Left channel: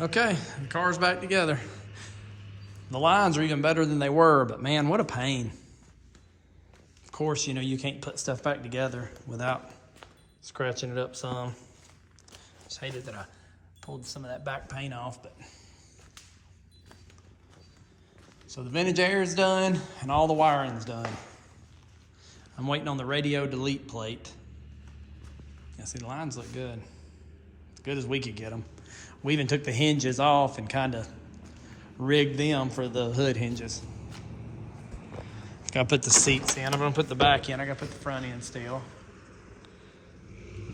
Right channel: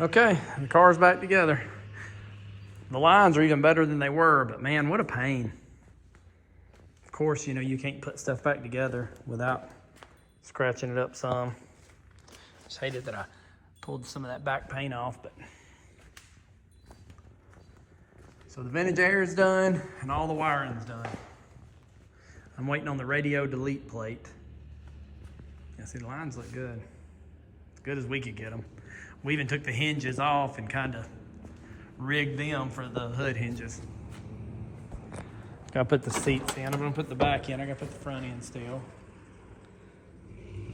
Okay, the car's back together. The lines are even better than they were, but man, what a pain. Of course, you know, you can't put stuff back together without scratching it up some. Just hated that I pulled some of that back paint off, but. So the vintage air is done and all the wiring's done. I'm waiting on the radio delete plate. Yeah, see, the lines look good. As good as we could get them. We even took the hinges off and kind of rigged them for the hood hinges. Gotta put the seats in. I'm gonna put the back in. I gotta put the front in still.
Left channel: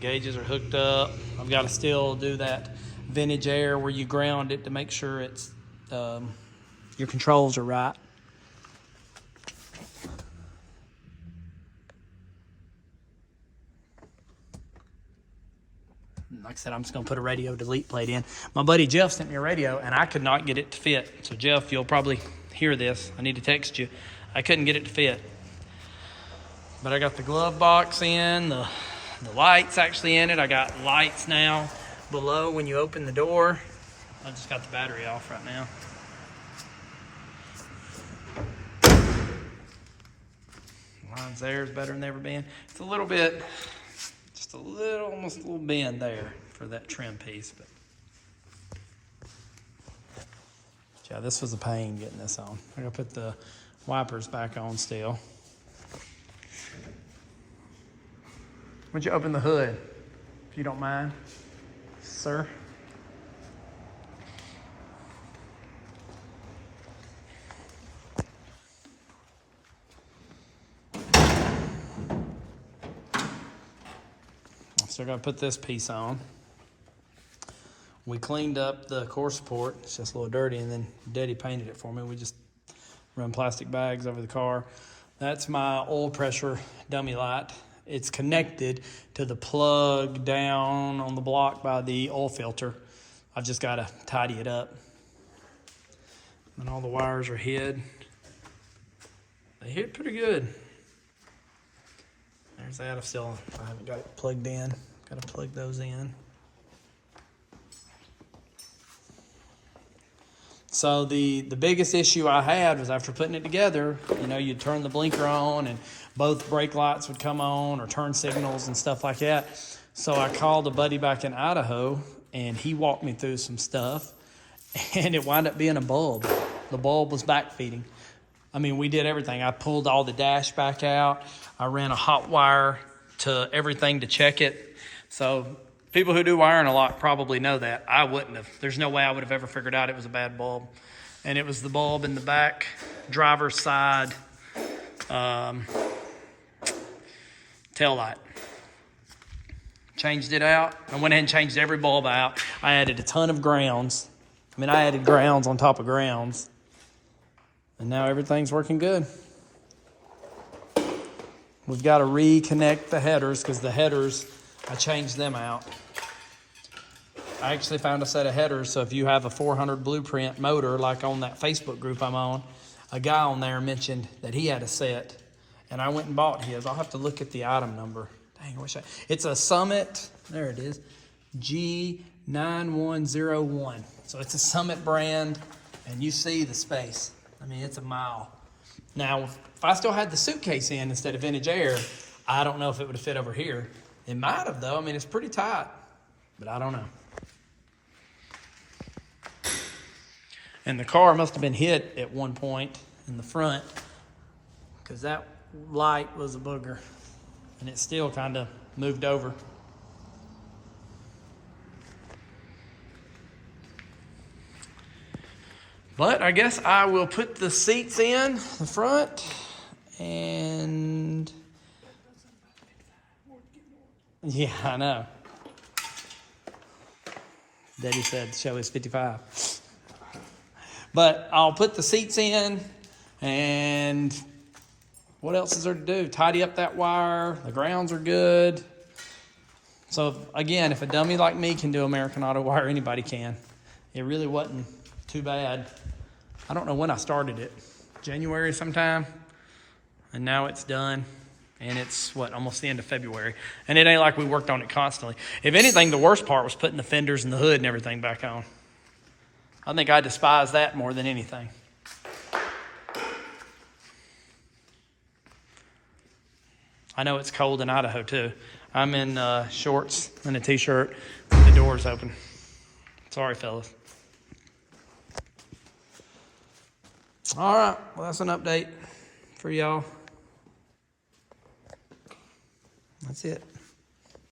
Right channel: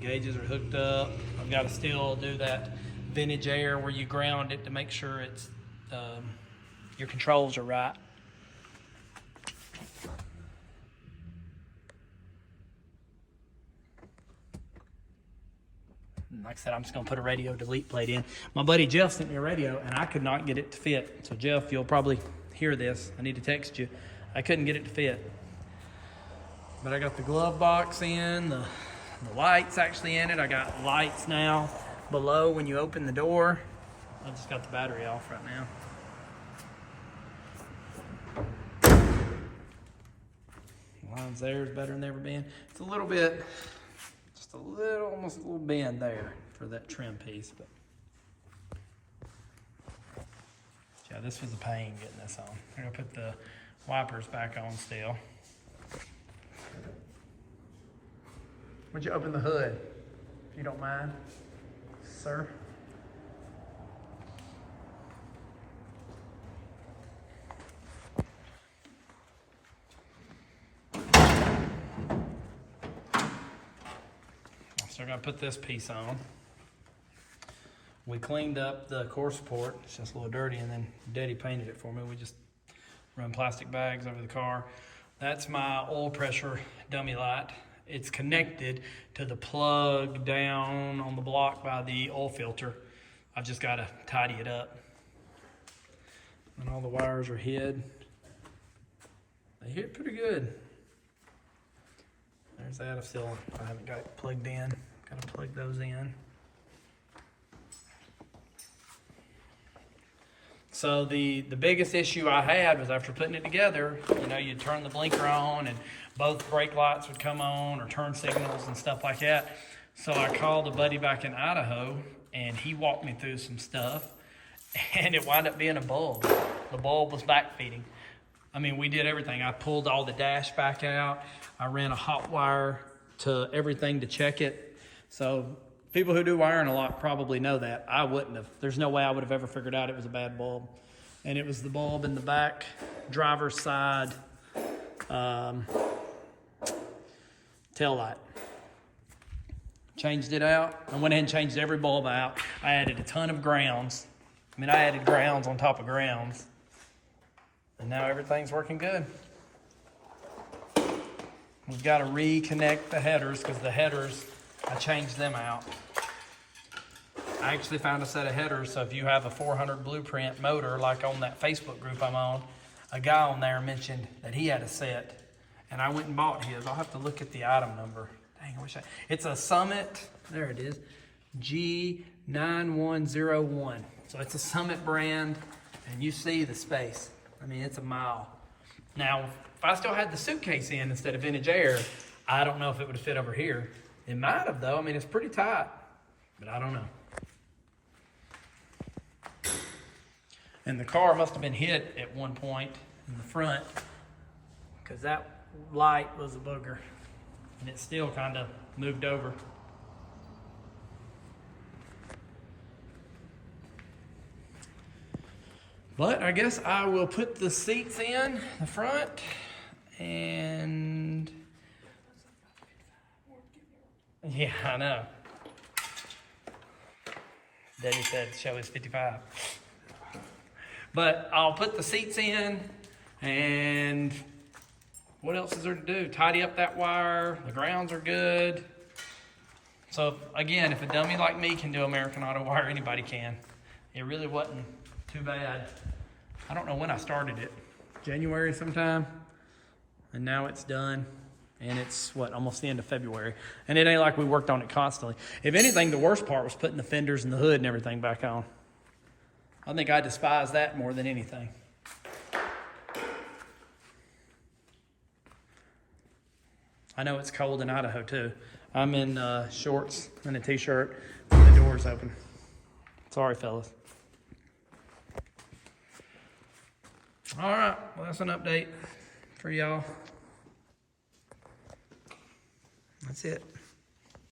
Gauges are hooked up. I've got to still do that vintage air where you ground it to make sure it's your controls are right. Like I said, I'm just gonna put a radio delete plate in. My buddy Jeff sent me a radio and I could not get it to fit. So Jeff, you'll probably hear this. I need to text you. I couldn't get it to fit. But I got the glove box in, the light's actually in it. I got lights now below when you open the door. I just got the battery off right now. The lines there is better than they've ever been. It's a little bit, just a little, almost a little bend there for that trim piece. But yeah, this was a pain getting this on. I'm gonna put the wipers back on still. Would you open the hood, if you don't mind, sir? So we're gonna put this piece on. We cleaned up the core support. It's just a little dirty, and then Daddy painted it for me. We just run plastic bags over the car. That's my oil pressure dummy light. It's connected to the plug down on the block by the oil filter. I've just got to tidy it up. And all the wires are hid. They hit pretty good. There's that. I haven't got it plugged in. Got to plug those in. So the biggest issue I had was after putting it together, you know, you'd turn the blinker on and both brake lights would come on or turn signals and stuff like that. So I called a buddy back in Idaho and he walked me through some stuff and it wound up being a bulb. The bulb was backfeeding. I mean, we did everything. I pulled all the dash back out. I ran a hot wire to everything to check it. So people who do wiring a lot probably know that. I wouldn't have. There's no way I would have ever figured out it was a bad bulb. And it was the bulb in the back driver's side tail light. Changed it out. I went ahead and changed every bulb out. I added a ton of grounds. I mean, I added grounds on top of grounds. And now everything's working good. We've got to reconnect the headers because the headers, I changed them out. I actually found a set of headers, so if you have a 400 blueprint motor, like on that Facebook group I'm on, a guy on there mentioned that he had a set, and I went and bought his. I'll have to look at the item number. Dang, I wish it's a Summit, there it is, G9101. So it's a Summit brand, and you see the space. I mean, it's a mile. Now, if I still had the suitcase in instead of vintage air, I don't know if it would have fit over here. It might have, though. I mean, it's pretty tight, but I don't know. And the car must have been hit at one point in the front because that light was a booger and it still kind of moved over. But I guess I will put the seats in the front and yeah, I know. Daddy said the show is 55. But I'll put the seats in, and what else is there to do? Tidy up that wire. The grounds are good. So again, if a dummy like me can do American Autowire, anybody can. It really wasn't too bad. I don't know when I started it. January sometime. And now it's done. And it's, almost the end of February. And it ain't like we worked on it constantly. If anything, the worst part was putting the fenders and the hood and everything back on. I think I despise that more than anything. I know it's cold in Idaho too. I'm in shorts and a t-shirt with the doors open. Sorry, fellas. All right, well, that's an update for y'all. That's it.